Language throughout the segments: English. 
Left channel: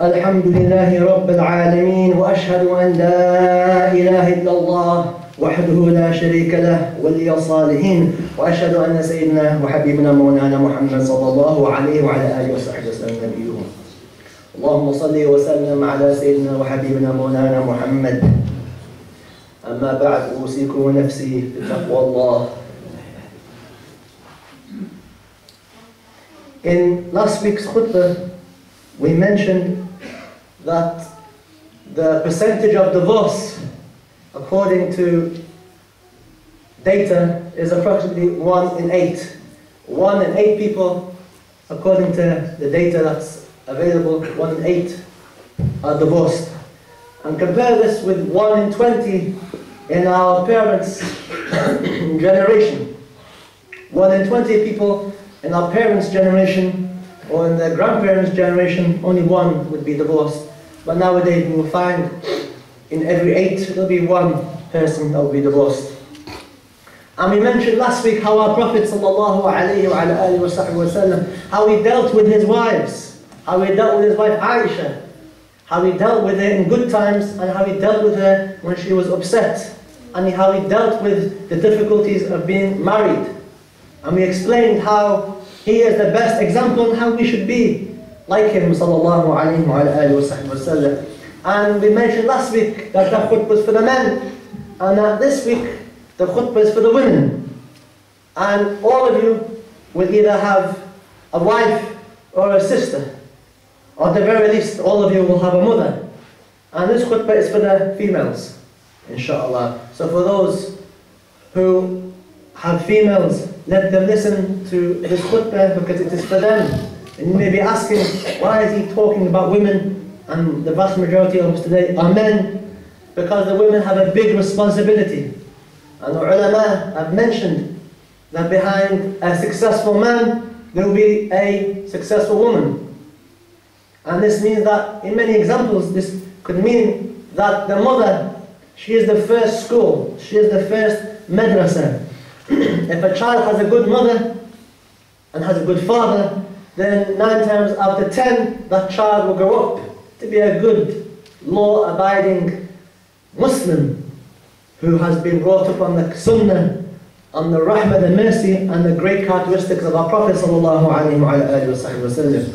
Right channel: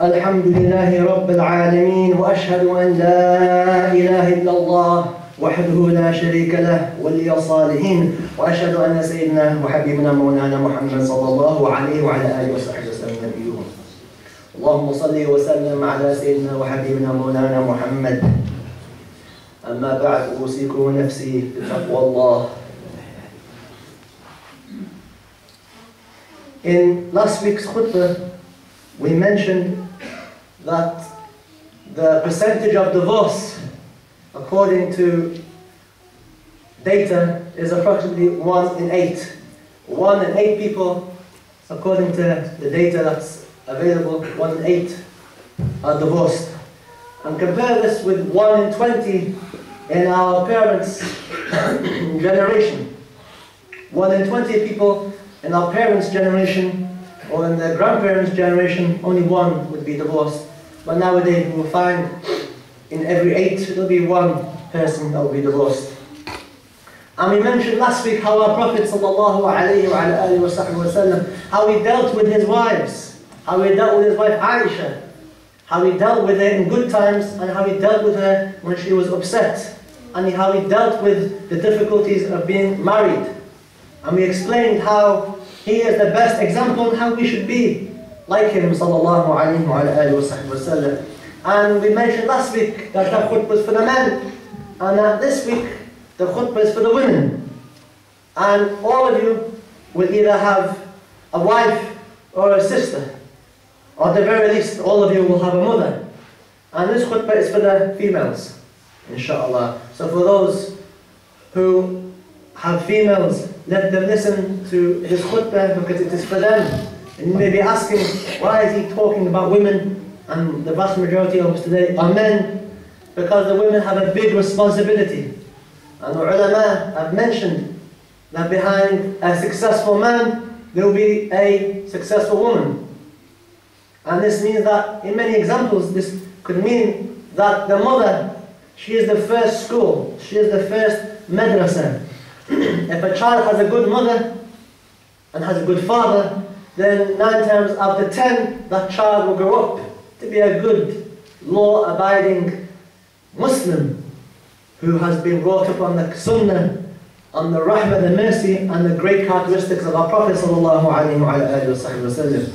الحمد لله رب العالمين وأشهد أن لا إله إلا الله وحده لا شريك له ولي الصالحين وأشهد أن سيدنا وحبيبنا مولانا محمد صلى الله عليه وعلى آله وصحبه وسلم نبيه. اللهم صل وسلم على سيدنا وحبيبنا مولانا محمد. أما بعد أوصيكم ونفسي بتقوى الله. In last week's khutbah, we mentioned that the percentage of divorce, according to data, is approximately 1 in 8. 1 in 8 people, according to the data that's available, 1 in 8 are divorced. And compare this with 1 in 20 in our parents' generation. 1 in 20 people in our parents' generation or in their grandparents' generation, only 1 would be divorced. But nowadays we will find in every 8 there will be 1 person that will be divorced. And we mentioned last week how our Prophet ﷺ, how he dealt with his wives, how he dealt with his wife Aisha, how he dealt with her in good times and how he dealt with her when she was upset, and how he dealt with the difficulties of being married. And we explained how he is the best example and how we should be like him sallallahu alayhi wa sallam. And we mentioned last week that the khutbah was for the men, and that this week the khutbah is for the women. And all of you will either have a wife or a sister, or at the very least all of you will have a mother. And this khutbah is for the females, inshallah. So for those who have females, let them listen to this khutbah because it is for them. And you may be asking, why is he talking about women and the vast majority of us today are men? Because the women have a big responsibility. And the ulama have mentioned that behind a successful man there will be a successful woman. And this means that in many examples this could mean that the mother, she is the first school, she is the first madrasa. If a child has a good mother and has a good father, then 9 times out of 10 that child will grow up to be a good, law-abiding Muslim who has been brought up on the sunnah, on the rahmah, the mercy and the great characteristics of our Prophet sallallahu alaihi wasallam.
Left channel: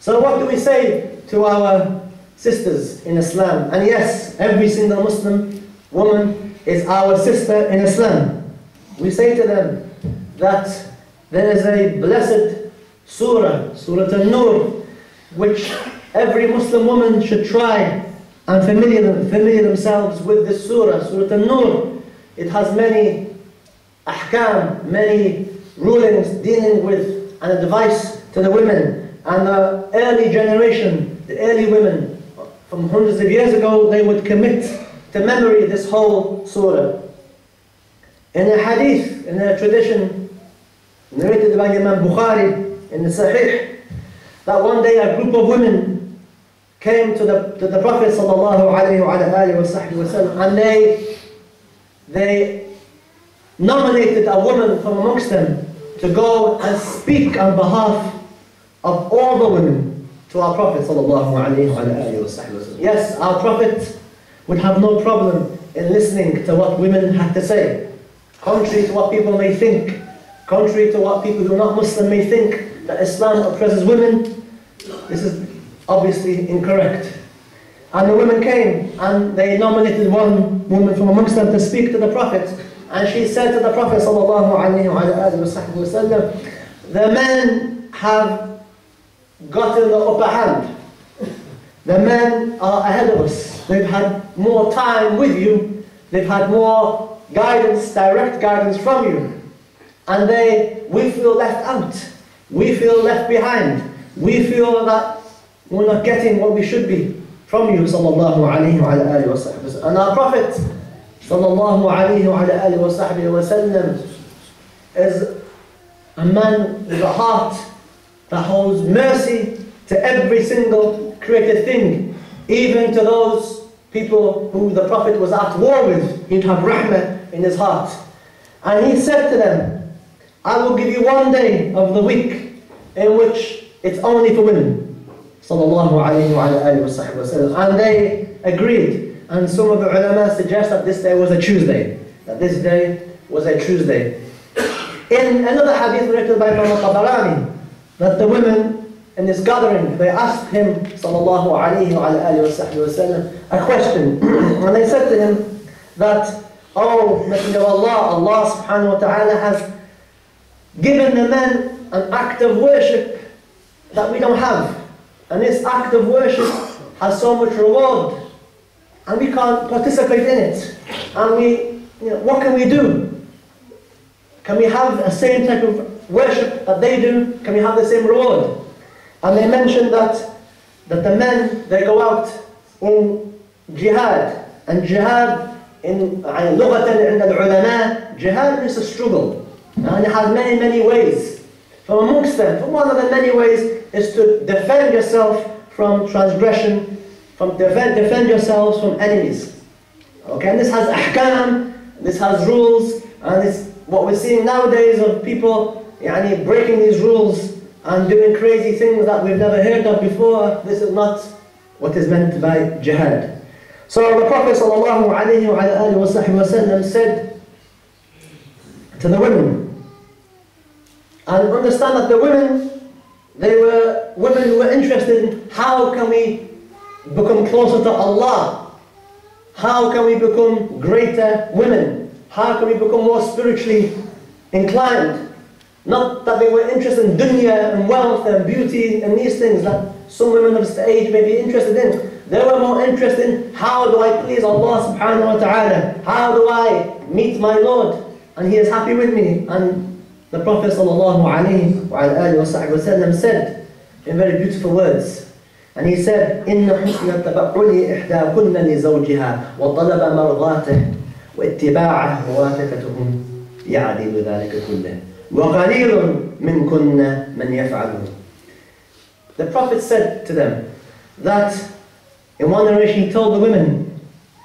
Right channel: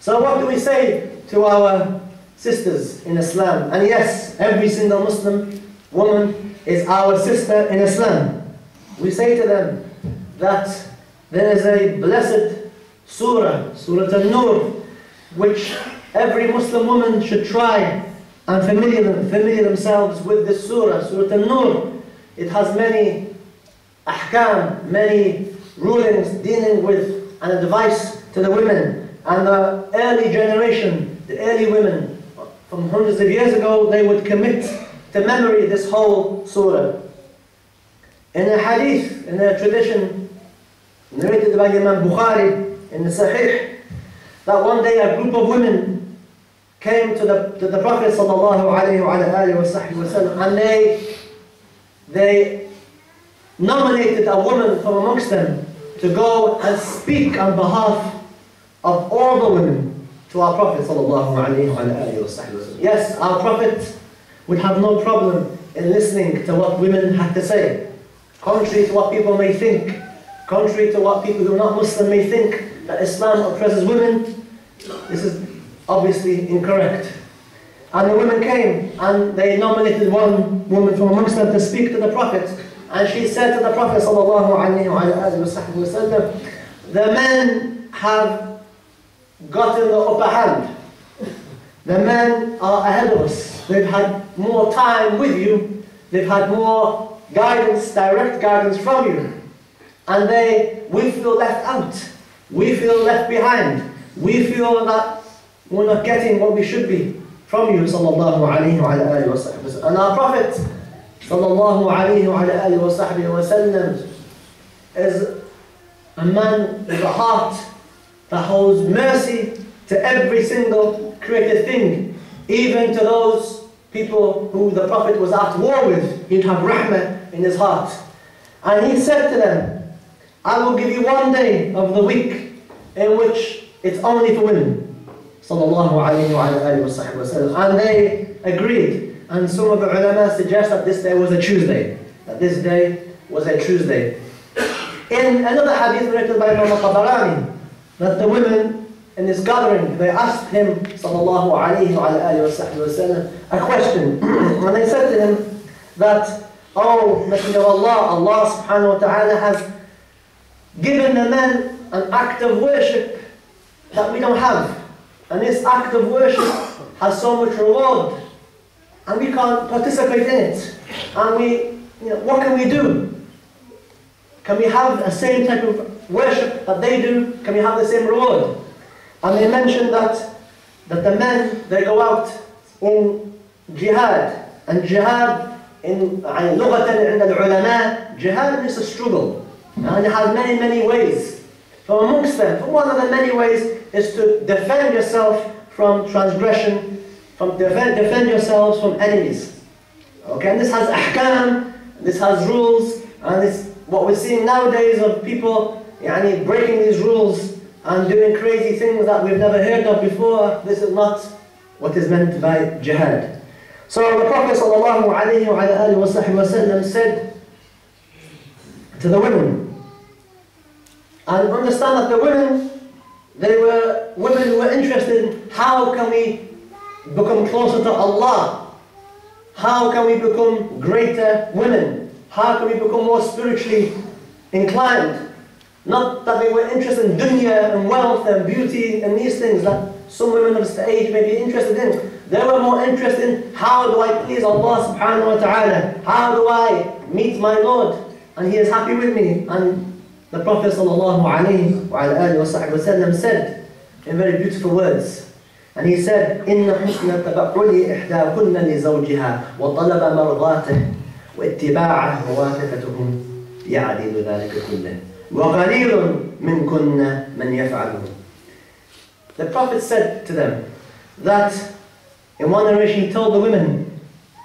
So what do we say to our sisters in Islam? And yes, every single Muslim woman is our sister in Islam. We say to them that there is a blessed surah, Surah An-Nur, which every Muslim woman should try and familiar themselves with this surah, Surah An-Nur. It has many ahkam, many rulings dealing with and advice to the women. And the early generation, the early women, from hundreds of years ago, they would commit to memory this whole surah. In a hadith, in a tradition narrated by Imam Bukhari in the Sahih, that one day a group of women came to the Prophet sallallahu alaihi wasallam, and they nominated a woman from amongst them to go and speak on behalf of all the women to our Prophet sallallahu alaihi wasallam. Yes, our Prophet would have no problem in listening to what women had to say. Contrary to what people may think, contrary to what people who are not Muslim may think, that Islam oppresses women, this is obviously incorrect. And the women came and they nominated one woman from amongst them to speak to the Prophet. And she said to the Prophet sallallahu alaihi wasallam, the men have gotten the upper hand. The men are ahead of us. They've had more time with you. They've had more guidance, direct guidance from you. And we feel left out. We feel left behind. We feel that we're not getting what we should be from you, sallallahu alayhi wa alihi wa sallam. And our Prophet, sallallahu alayhi wa alihi wa sallam, is a man with a heart that holds mercy to every single created thing, even to those people who the Prophet was at war with. He'd have rahmah in his heart. And he said to them, I will give you one day of the week in which it's only for women. sallallahu alayhi wa alihi wa sallam. And they agreed. And some of the ulama suggest that this day was a Tuesday. That this day was a Tuesday. In another hadith narrated by Imam al-Tabarani, that the women in this gathering, they asked him, sallallahu alayhi wa alihi wa sallam, a question. And they said to him that, "Oh, Messenger of Allah, Allah subhanahu wa ta'ala has given the men an act of worship that we don't have. And this act of worship has so much reward, and we can't participate in it. And what can we do? Can we have the same type of worship that they do? Can we have the same reward?" And they mentioned that the men, they go out in jihad. And jihad, in lughatan عند العلماء, jihad is a struggle. And it has many, many ways. From amongst them, one of the many ways is to defend yourself from transgression, defend yourselves from enemies. Okay, and this has ahkam, this has rules, and it's what we're seeing nowadays of people breaking these rules and doing crazy things that we've never heard of before. This is not what is meant by jihad. So the Prophet ﷺ said to the women, and understand that the women, they were women who were interested in how can we become closer to Allah? How can we become greater women? How can we become more spiritually inclined? Not that they were interested in dunya and wealth and beauty and these things that some women of this age may be interested in. They were more interested in how do I please Allah subhanahu wa ta'ala? How do I meet my Lord? And He is happy with me. And the Prophet sallallahu alayhi wa sallam said in very beautiful words, and he said, إِنَّ حُسْنَ التَّبَعُّلِ إِحْدَاكُنَّ لِزَوْجِهَا وَطَلَبَ مَرْضَاتِهِ وَاتِّبَاعَهُ وَوَافَقَتُهُ يَعْدِلُ ذَلِكَ كُلَّهُ وَقَلِيلٌ مِنْكُنَّ مَنْ يَفْعَلُهُ. The Prophet said to them that in one narration he told the women,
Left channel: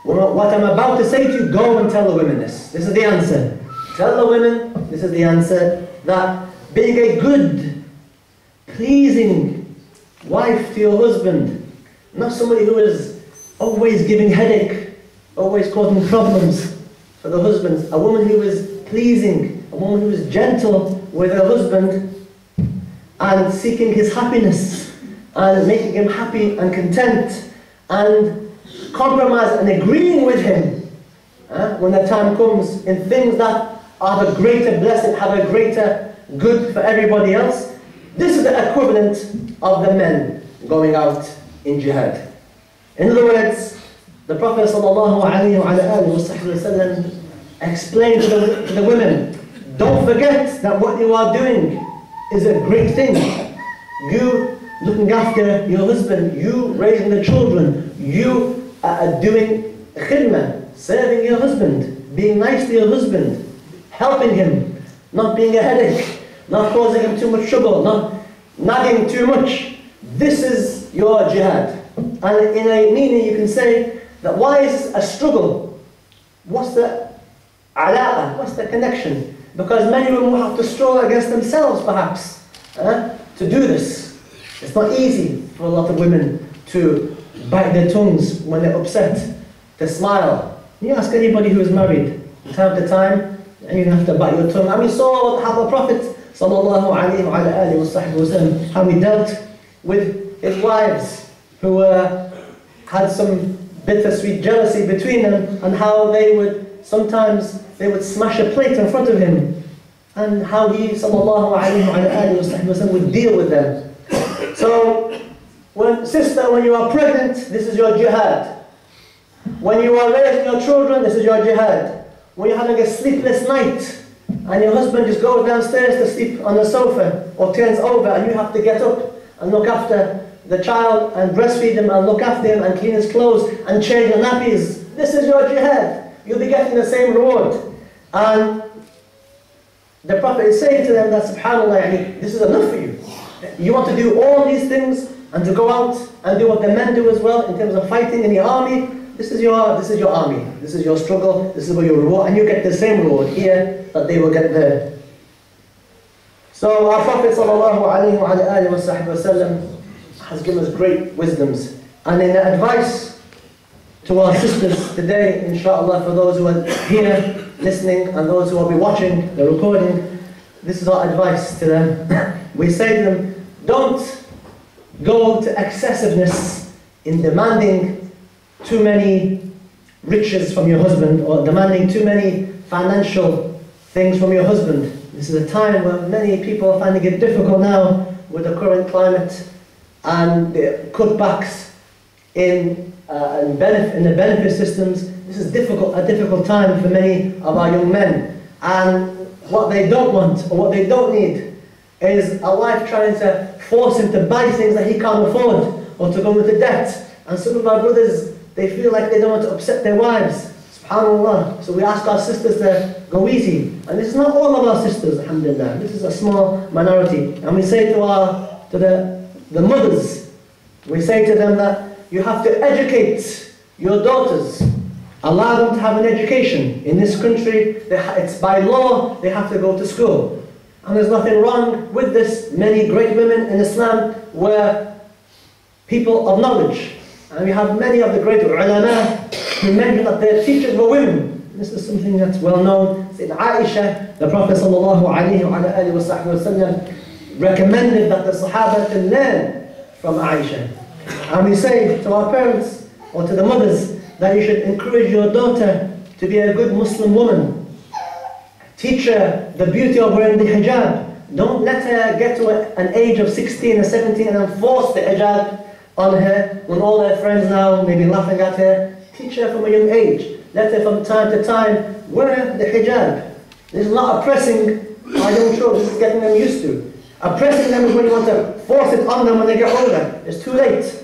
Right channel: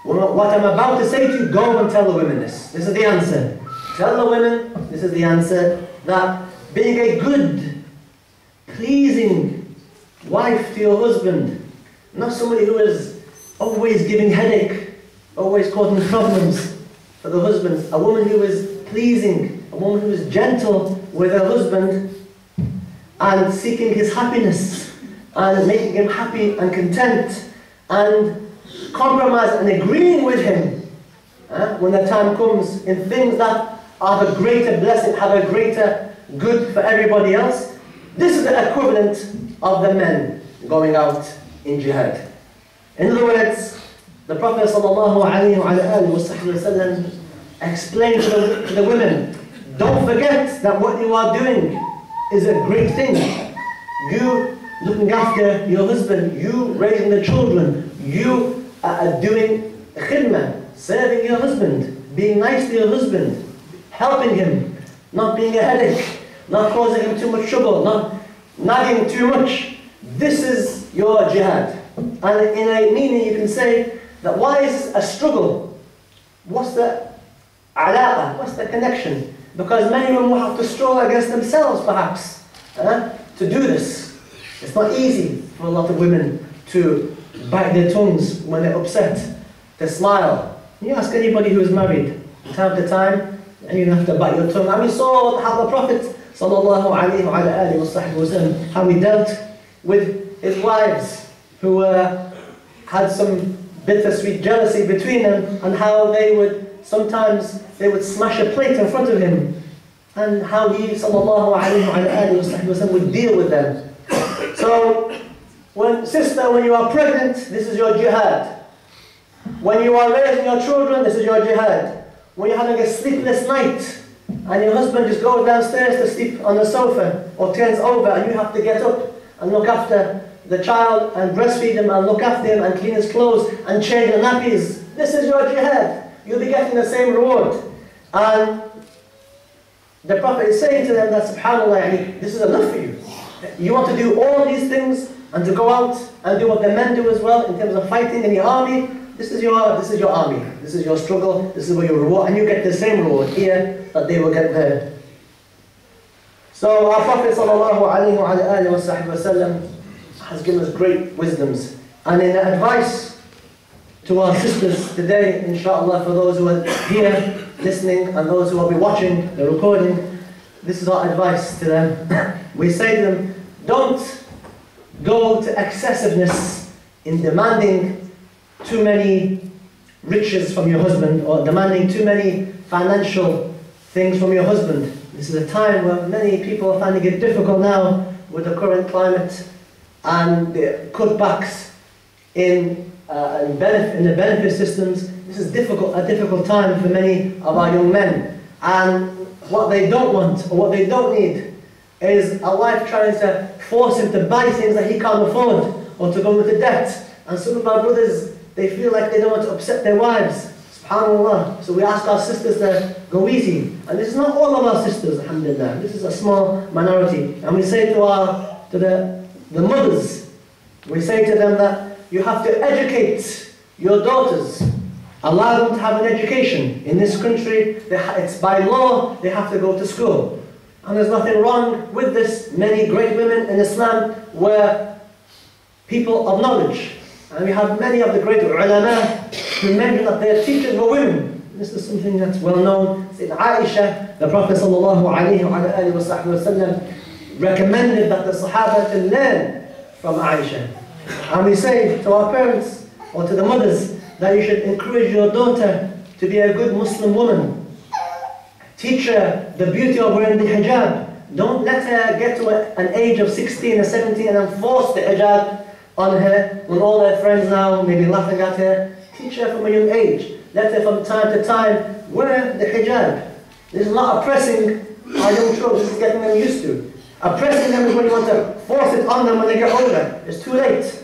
what I'm about to say to you, go and tell the women this. This is the answer. Tell the women, this is the answer, that being a good, pleasing wife to your husband, not somebody who is always giving headache, always causing problems for the husbands, a woman who is pleasing, a woman who is gentle with her husband and seeking his happiness and making him happy and content and compromise and agreeing with him when the time comes in things that have a greater blessing, have a greater good for everybody else. This is the equivalent of the men going out in jihad. In other words, the Prophet ﷺ explained to the women, don't forget that what you are doing is a great thing. You looking after your husband, you raising the children, you doing khidmah, serving your husband, being nice to your husband, helping him, not being a headache, not causing him too much trouble, not nagging too much. This is your jihad. And in a meaning you can say that why is a struggle? What's the alaqa? What's the connection? Because many of them will have to struggle against themselves perhaps to do this. It's not easy for a lot of women to bite their tongues when they're upset, to smile. You ask anybody who is married, from time to time, and you have to bite your tongue. And we saw how the Prophet sallallahu alayhi wa sallam, how he dealt with his wives who had some bittersweet jealousy between them, and how they would sometimes smash a plate in front of him, and how he sallallahu alayhi wa sallam would deal with them. So, when you are pregnant, this is your jihad. When you are raising your children, this is your jihad. When you're having a sleepless night, and your husband just goes downstairs to sleep on the sofa, or turns over, and you have to get up and look after the child, and breastfeed him, and look after him, and clean his clothes, and change the nappies, this is your jihad. You'll be getting the same reward. And the Prophet is saying to them that, subhanAllah, this is enough for you. You want to do all these things, and to go out and do what the men do as well, in terms of fighting in the army. This is your army. This is your struggle. This is what your reward, and you get the same reward here that they will get there. So our Prophet sallallahu alaihi wasallam has given us great wisdoms. And in advice to our sisters today, inshallah, for those who are here listening and those who will be watching the recording, this is our advice to them. We say to them, don't go to excessiveness in demanding too many riches from your husband or demanding too many financial things from your husband. This is a time where many people are finding it difficult now with the current climate and the cutbacks in the benefit systems. This is a difficult time for many of our young men. And what they don't want or what they don't need is a wife trying to force him to buy things that he can't afford or to go into debt. And some of our brothers, they feel like they don't want to upset their wives. SubhanAllah. So we ask our sisters to go easy. And this is not all of our sisters, alhamdulillah. This is a small minority. And we say to the mothers, we say to them that you have to educate your daughters. Allow them to have an education. In this country, it's by law, they have to go to school. And there's nothing wrong with this. Many great women in Islam were people of knowledge. And we have many of the great ulama who mention that their teachers were women. This is something that's well known. In Aisha, the Prophet ﷺ recommended that the Sahaba to learn from Aisha. And we say to our parents or to the mothers that you should encourage your daughter to be a good Muslim woman. Teach her the beauty of wearing the hijab. Don't let her get to an age of 16 or 17 and then force the hijab on her when all her friends now may be laughing at her. Teach her from a young age. Let her from time to time wear the hijab. This is not oppressing our young children, this is getting them used to. Oppressing them is when you want to force it on them when they get older. It's too late.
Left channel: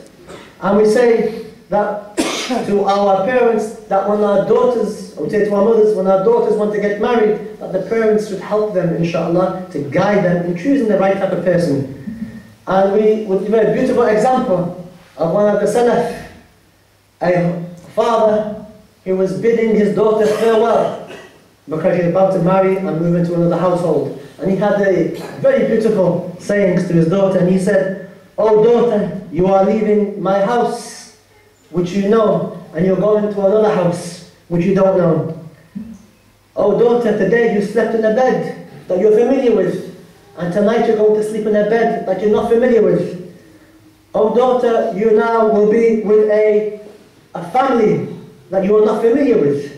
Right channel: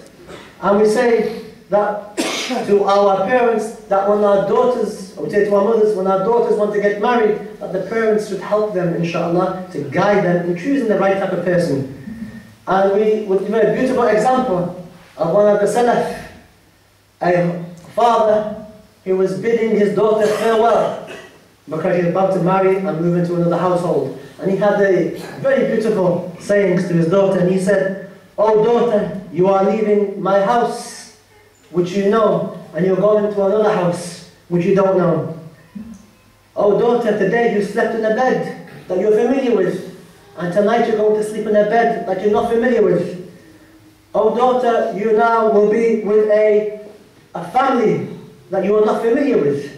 And we say that to our parents, that when our daughters, or we say to our mothers, when our daughters want to get married, that the parents should help them, inshallah, to guide them in choosing the right type of person. And we would give a beautiful example of one of the Salaf, a father, he was bidding his daughter farewell because he's about to marry and move into another household. And he had a very beautiful sayings to his daughter, and he said, "Oh daughter, you are leaving my house, which you know, and you're going to another house, which you don't know. Oh daughter, today you slept in a bed that you're familiar with, and tonight you're going to sleep in a bed that you're not familiar with. Oh daughter, you now will be with a family that you are not familiar with,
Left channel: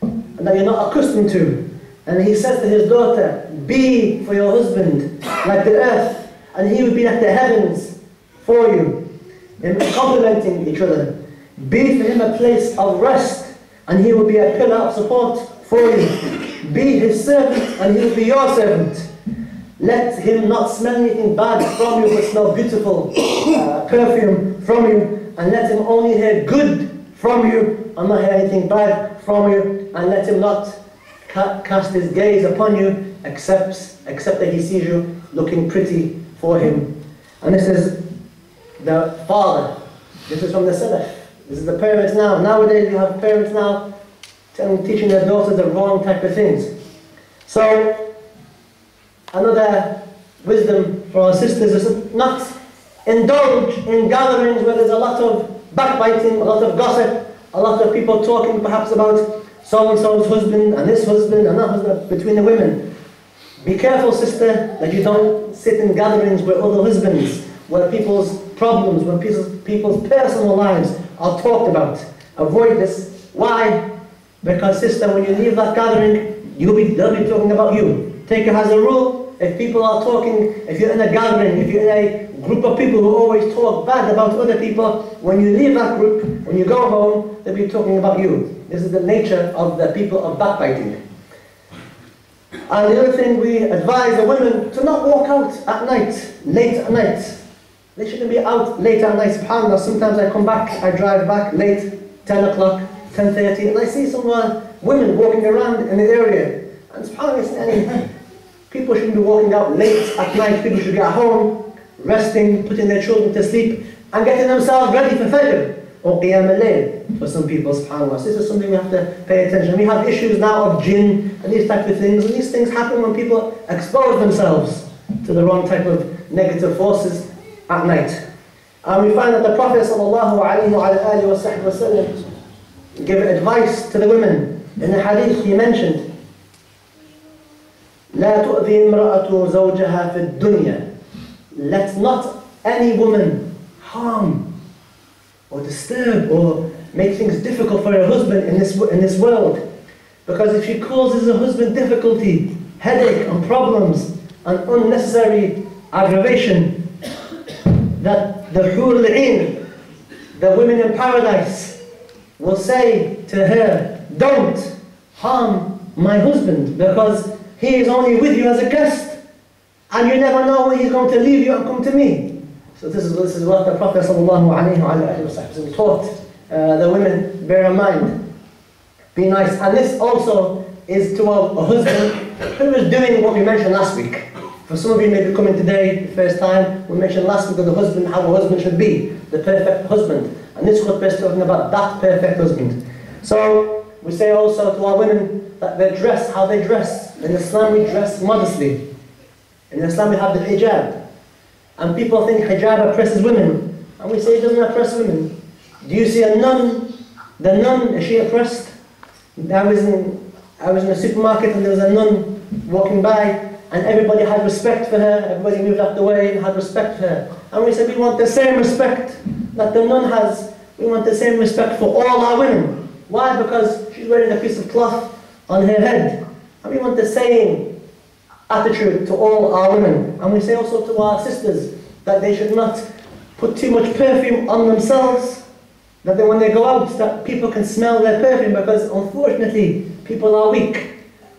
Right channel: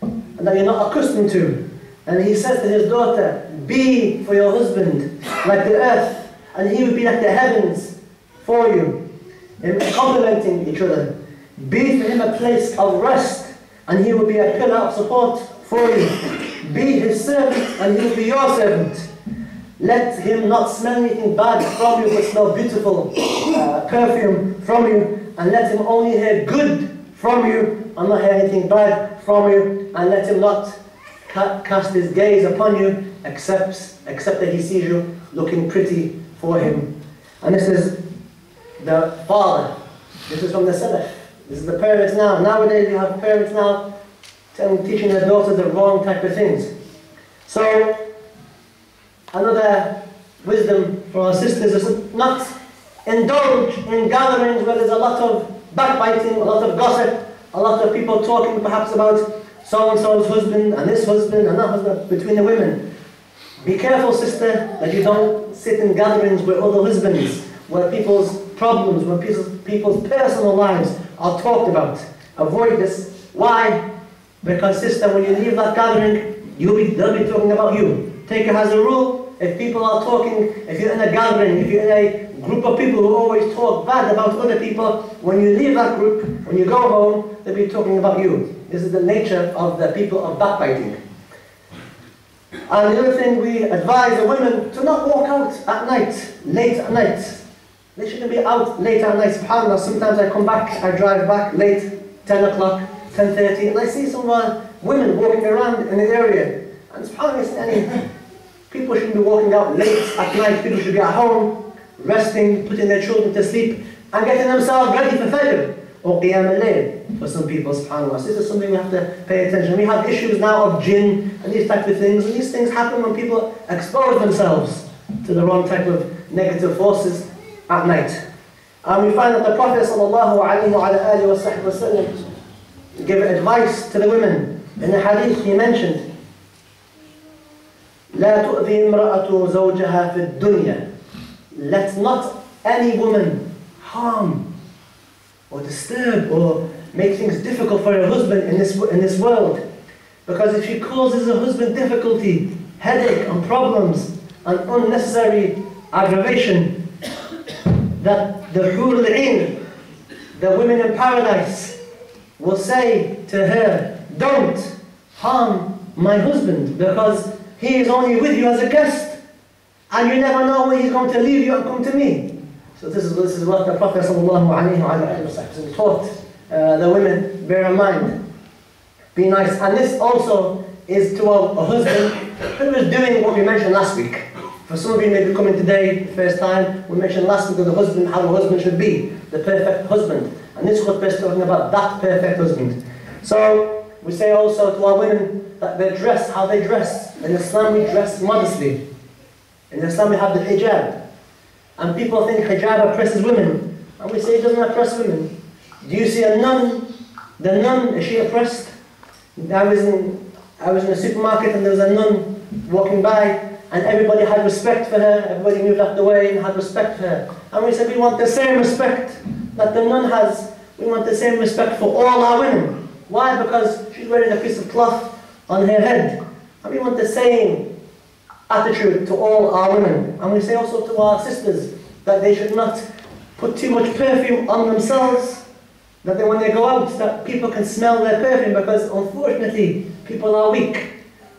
and that you're not accustomed to." And he says to his daughter, "Be for your husband like the earth, and he will be like the heavens for you," in complementing each other. Be for him a place of rest, and he will be a pillar of support for you. Be his servant, and he will be your servant. Let him not smell anything bad from you, but smell beautiful perfume from you, and let him only hear good from you, and not hear anything bad from you, and let him not cast his gaze upon you, except that he sees you looking pretty for him. And this is the father. This is from the Salaf. This is the parents now. Nowadays you have parents now teaching their daughters the wrong type of things. So, another wisdom for our sisters is not indulge in gatherings where there's a lot of backbiting, a lot of gossip, a lot of people talking perhaps about so-and-so's husband and this husband and that husband between the women. Be careful, sister, that you don't sit in gatherings with other husbands, where people's problems, where people's personal lives are talked about. Avoid this. Why? Because, sister, when you leave that gathering, they'll be talking about you. Take it as a rule. If people are talking, if you're in a gathering, if you're in a group of people who always talk bad about other people, when you leave that group, when you go home, they'll be talking about you. This is the nature of the people of backbiting. And the other thing, we advise the women to not walk out at night, late at night. They shouldn't be out late at night. SubhanAllah, sometimes I come back, I drive back late, 10 o'clock, 10:30, and I see some women walking around in the area. And SubhanAllah, people shouldn't be walking out late at night. People should be at home, resting, putting their children to sleep, and getting themselves ready for Fajr or Qiyam al-Layl for some people, SubhanAllah. So this is something we have to pay attention. We have issues now of jinn and these types of things, and these things happen when people expose themselves to the wrong type of negative forces at night. And we find that the Prophet ﷺ gave advice to the women. In the hadith he mentioned, لا تؤذي امرأة زوجها في الدنيا. Let not any woman harm or disturb or make things difficult for her husband in this world. Because if she causes her husband difficulty, headache and problems and unnecessary aggravation, that the Hur al-Ain, the women in paradise, will say to her, don't harm my husband, because he is only with you as a guest, and you never know when he's going to leave you and come to me. So this is what the Prophet ﷺ taught the women. Bear in mind, be nice. And this also is to a husband who is doing what we mentioned last week. For some of you may be coming today, the first time, we mentioned last week of the husband, how a husband should be, the perfect husband. And this khutbah is talking about that perfect husband. So we say also to our women that they dress how they dress. In Islam we dress modestly. In Islam we have the hijab. And people think hijab oppresses women. And we say it doesn't oppress women. Do you see a nun? The nun, is she oppressed? I was in a supermarket and there was a nun walking by, and everybody had respect for her. Everybody moved out the way and had respect for her. And we said we want the same respect that the nun has. We want the same respect for all our women. Why? Because she's wearing a piece of cloth on her head. And we want the same attitude to all our women. And we say also to our sisters that they should not put too much perfume on themselves, that when they go out, that people can smell their perfume, because unfortunately people are weak.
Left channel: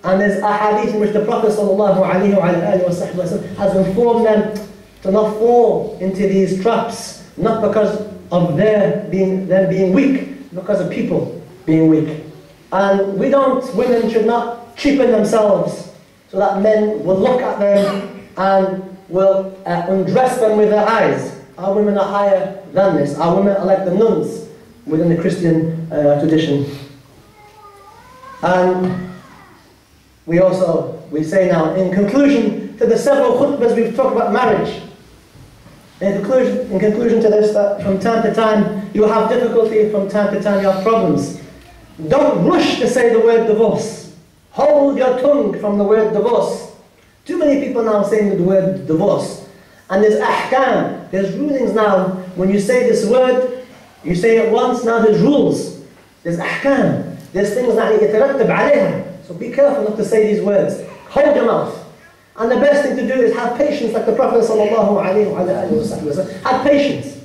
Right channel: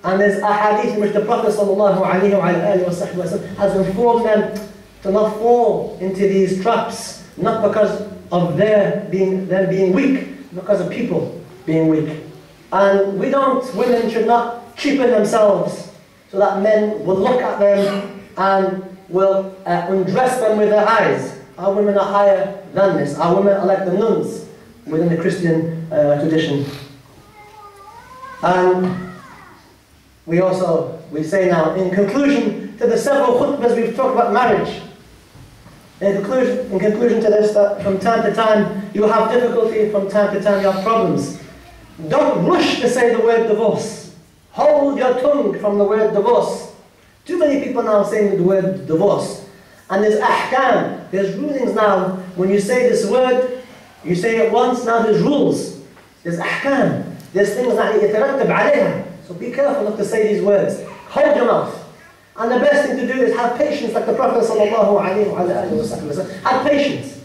And there's a hadith in which the Prophet ﷺ has informed them to not fall into these traps, not because of them being weak, because of people being weak. And women should not cheapen themselves so that men will look at them and will undress them with their eyes. Our women are higher than this. Our women are like the nuns within the Christian tradition. And we say now, in conclusion to the several khutbahs we've talked about marriage, in conclusion to this, that from time to time you have difficulty, from time to time you have problems. Don't rush to say the word divorce. Hold your tongue from the word divorce. Too many people now saying the word divorce. And there's ahkam, there's rulings now. When you say this word, you say it once, now there's rules. There's ahkam. There's things that يترتب عليها. So be careful not to say these words. Hold your mouth. And the best thing to do is have patience, like the Prophet ﷺ. Have patience.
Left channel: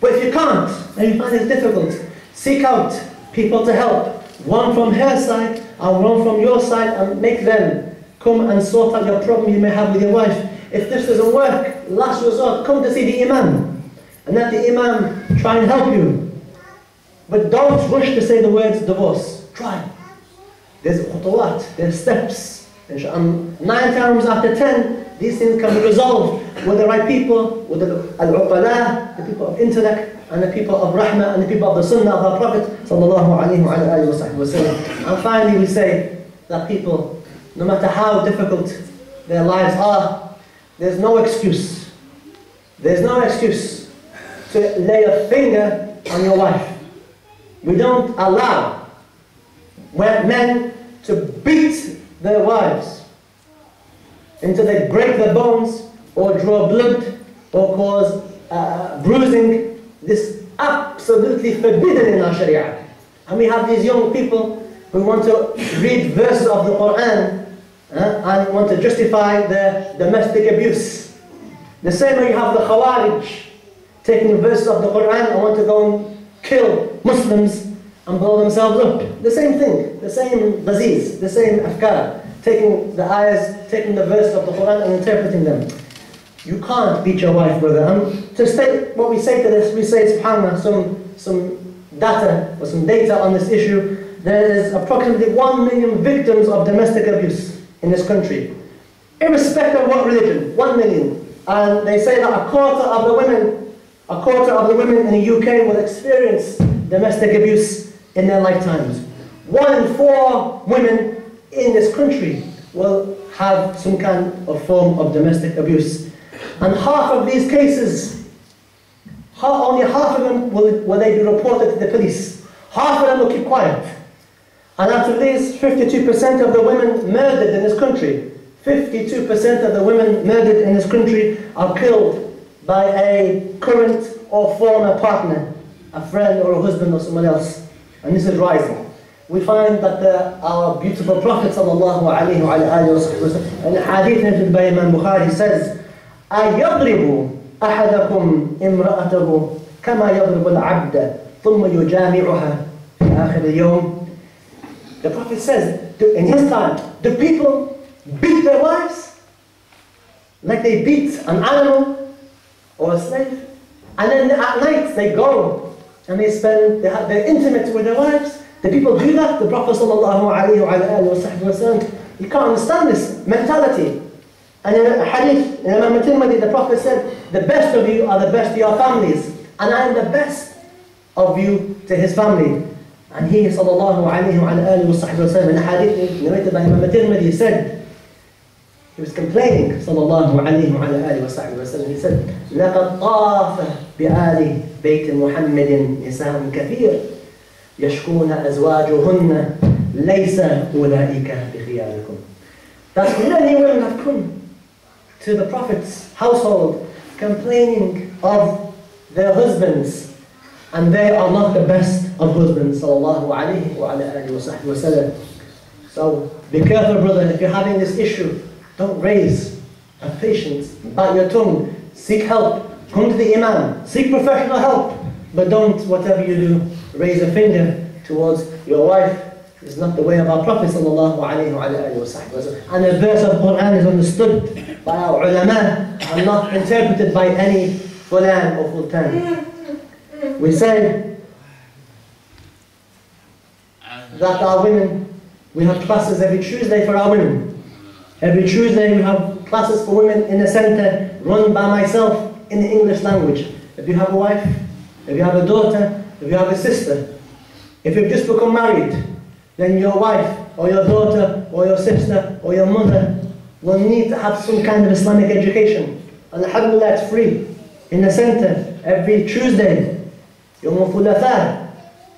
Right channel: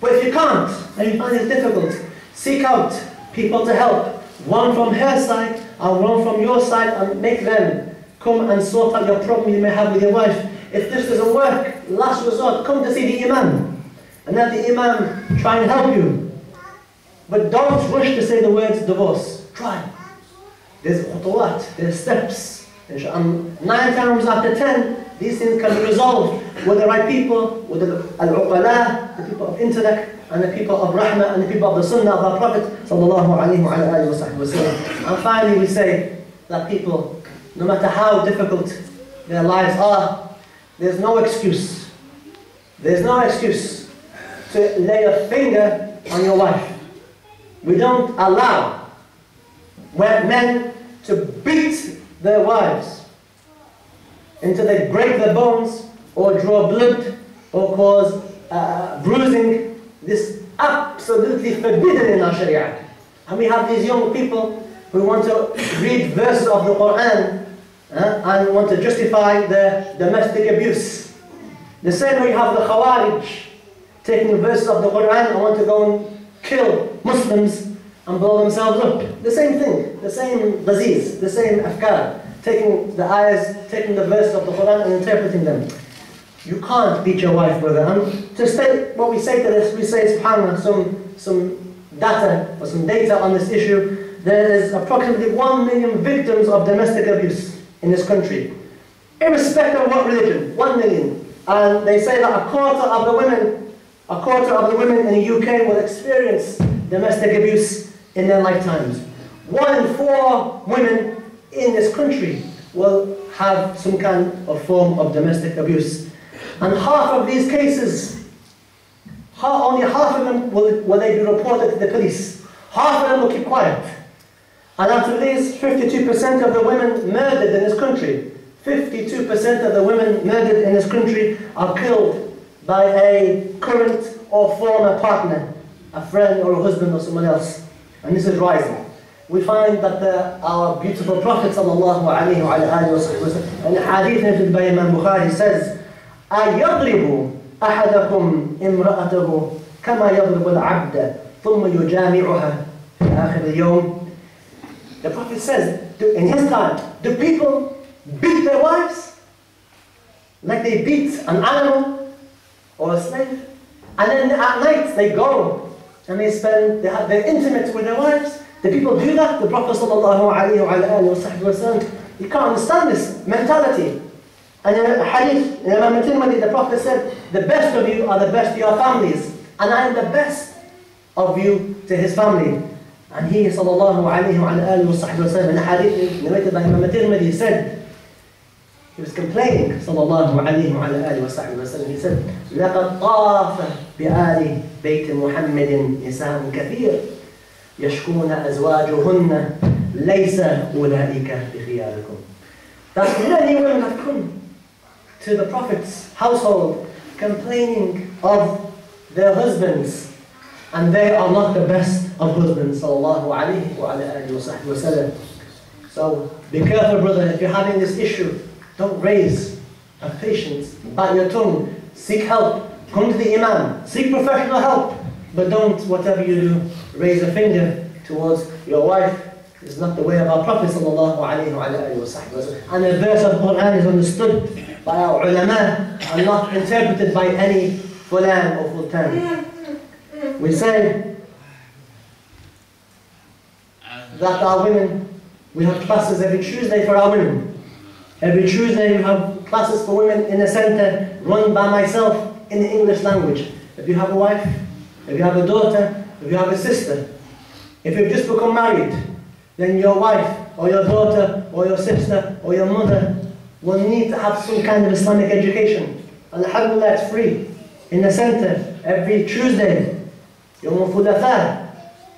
But if you can't, and you find it difficult, seek out people to help. One from her side, and one from your side, and make them come and sort out your problem you may have with your wife. If this doesn't work, last resort, come to see the imam. And let the imam try and help you. But don't rush to say the words divorce. Try. There's khutuwat, there's steps. And 9 times out of 10, these things can be resolved with the right people, with the al-uqala, the people of intellect, and the people of rahmah, and the people of the sunnah of our Prophet sallallahu alayhi wa sallam. And finally we say that people, no matter how difficult their lives are, there's no excuse. There's no excuse to lay a finger on your wife. We don't allow men to beat their wives until they break their bones or draw blood or cause bruising. This is absolutely forbidden in our Sharia. And we have these young people who want to read verses of the Quran and want to justify their domestic abuse. The same way you have the Khawarij taking verses of the Quran and want to go and kill Muslims and blow themselves up. The same thing, the same disease, the same afkar. Taking the ayahs, taking the verses of the Quran and interpreting them. You can't beat your wife, brother. And to state what we say to this, we say, subhanAllah, some data or some data on this issue. There is approximately 1 million victims of domestic abuse in this country. Irrespective of what religion, 1 million. And they say that a quarter of the women in the UK will experience domestic abuse in their lifetimes. 1 in 4 women in this country will have some kind of form of domestic abuse. And half of these cases only half of them will they be reported to the police. Half of them will keep quiet. And after this, 52% of the women murdered in this country, 52% of the women murdered in this country are killed by a current or former partner, a friend or a husband or someone else. And this is rising. We find that our beautiful Prophet sallallahu alayhi wa sallam, in the hadith narrated by Imam Bukhari, says, أَيَضْرِبُ أَحَدَكُمْ إِمْرَأَتَهُ كَمَا يَضْرِبُ الْعَبْدَ ثُمَّ يُجَامِعُهَا فِي آخِرِ الْيَوْمِ. The Prophet says, in his time, do people beat their wives like they beat an animal or a slave? And then at night they go and they're intimate with their wives. The people do that. The Prophet ﷺ, you can't understand this mentality. And in a hadith, in Imam Tirmidhi, the Prophet said, the best of you are the best to your families, and I am the best of you to his family. And he ﷺ, in a hadith narrated by Imam Tirmidhi, said, he was complaining, ﷺ, he said, لَقَدْ طَافَ بِآلِ بَيْتِ مُحَمَّدٍ نِسَاءٌ كَثِيرٌ يَشْكُونَ أَزْوَاجُهُنَّ لَيْسَ أُولَٰئِكَ بِخِيَارِكُمْ. That many women have come to the Prophet's household complaining of their husbands, and they are not the best of husbands, sallallahu alayhi wa alihi wa sallam. So be careful, brother, if you're having this issue, don't raise a patience, bite your tongue, seek help, come to the Imam, seek professional help, but don't, whatever you do, raise a finger towards your wife. It's not the way of our Prophet sallallahu alayhi wa sallam. And a verse of the Quran is understood by our ulama and not interpreted by any fulan or fultan. We say that our women, we have classes every Tuesday for our women. Every Tuesday we have classes for women in a center run by myself in the English language. If you have a wife, if you have a daughter, if you have a sister, if you've just become married, then your wife or your daughter or your sister or your mother will need to have some kind of Islamic education. And alhamdulillah, it's free. In the center, every Tuesday, Yawm al-Thulatha,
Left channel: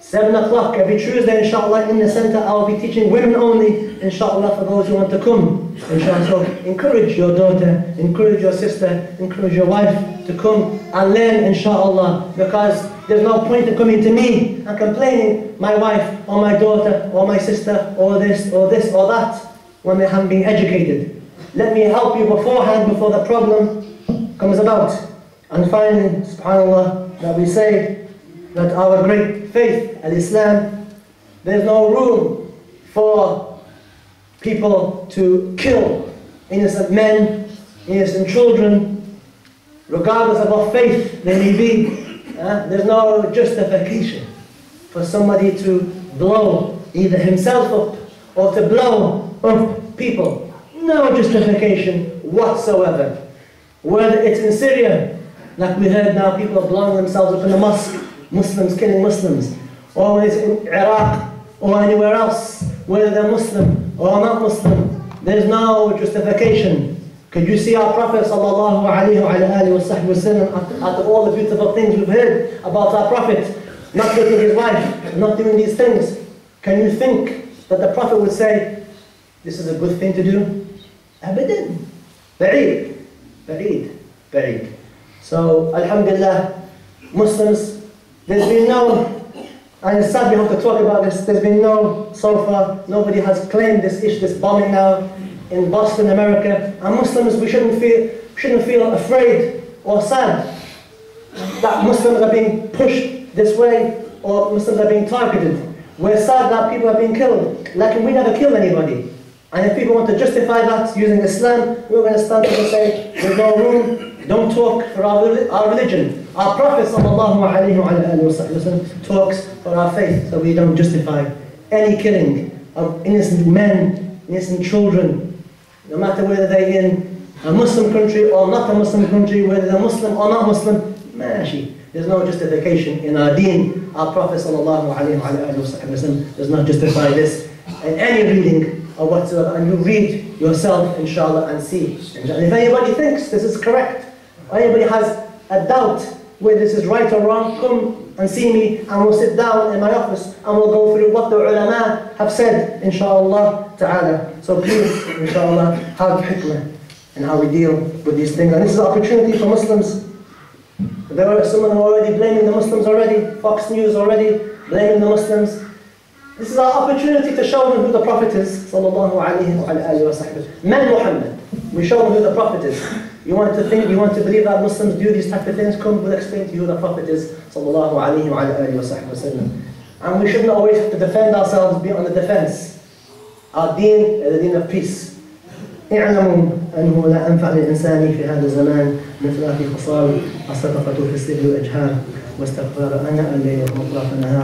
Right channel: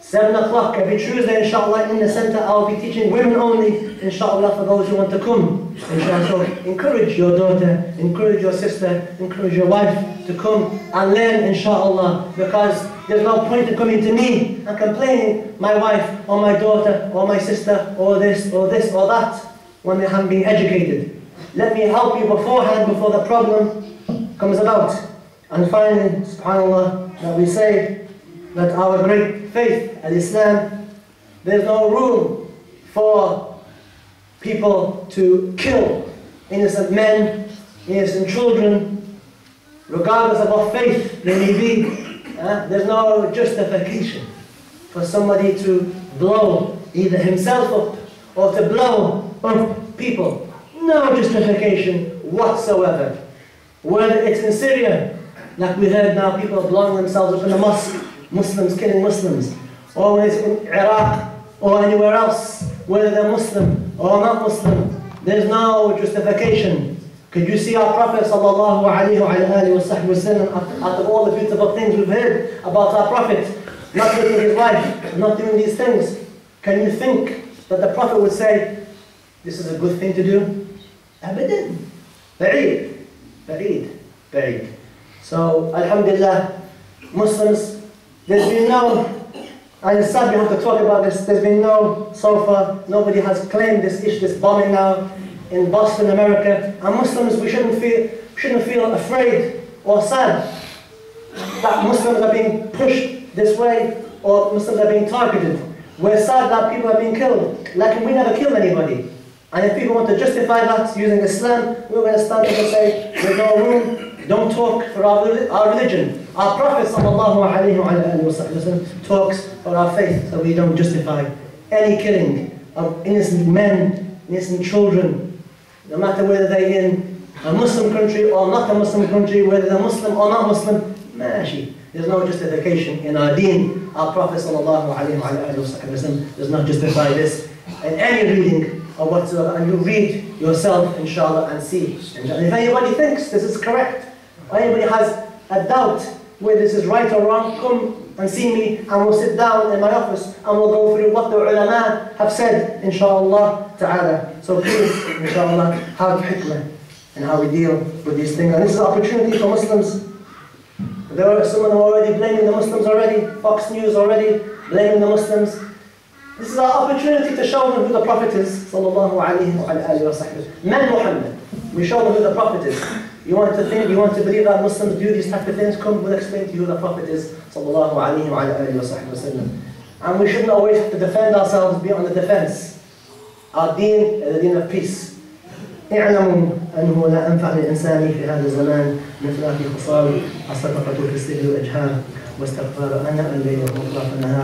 7 o'clock every Tuesday, inshallah, in the center, I'll be teaching women only, inshallah, for those who want to come. Inshallah, so encourage your daughter, encourage your sister, encourage your wife to come and learn, inshallah, because there's no point in coming to me and complaining, my wife, or my daughter, or my sister, or this, or that, when they haven't been educated. Let me help you beforehand, before the problem comes about. And finally, subhanAllah, that we say that our great faith, al-Islam, there's no room for people to kill innocent men, innocent children, regardless of what faith they may be. There's no justification for somebody to blow either himself up or to blow up people. No justification whatsoever. Whether it's in Syria, like we heard now, people are blowing themselves up in the mosque, Muslims killing Muslims, or when it's in Iraq or anywhere else, whether they're Muslim or not Muslim, there's no justification. Could you see our Prophet sallallahu alayhi wa sallam, after all the beautiful things we've heard about our Prophet, not taking his wife, not doing these things, can you think that the Prophet would say, this is a good thing to do? Abadan. Ba'id. Ba'id. Ba'id. So, alhamdulillah, Muslims, there's been no, and it's sad we have to talk about this, there's been no, so far, nobody has claimed this issue, this bombing now in Boston, America. And Muslims, we shouldn't feel afraid or sad that Muslims are being pushed this way or Muslims are being targeted. We're sad that people are being killed. Like, we never killed anybody. And if people want to justify that using Islam, we're going to stand up and say, there's no room, don't talk for our religion. Our Prophet ﷺ talks for our faith, so we don't justify any killing of innocent men, innocent children, no matter whether they're in a Muslim country or not a Muslim country, whether they're Muslim or not Muslim, mashi. There's no justification in our deen. Our Prophet ﷺ does not justify this in any reading or whatsoever. And you read yourself, inshallah, and see. And if anybody thinks this is correct, or anybody has a doubt whether this is right or wrong, come and see me and we'll sit down in my office and we'll go through what the ulama have said, inshallah ta'ala. So please, inshallah, have hikmah in how we deal with these things. And this is an opportunity for Muslims. There are some of them already blaming the Muslims already, Fox News already blaming the Muslims. This is our opportunity to show them who the Prophet is, sallallahu alayhi wa sallam. Man Muhammad. We show them who the Prophet is. You want to think, you want to believe that Muslims do these type of things, come, we'll explain to you who the Prophet is, sallallahu alayhi wa sallam. And we shouldn't always have to defend ourselves, be on the defense. Our deen is a deen of peace. اعلموا أنه لا أنفع للإنسان في هذا الزمان من ثلاث خصال: الصدقة في السر والإجهار، واستغفار آناء الليل وأطراف النهار.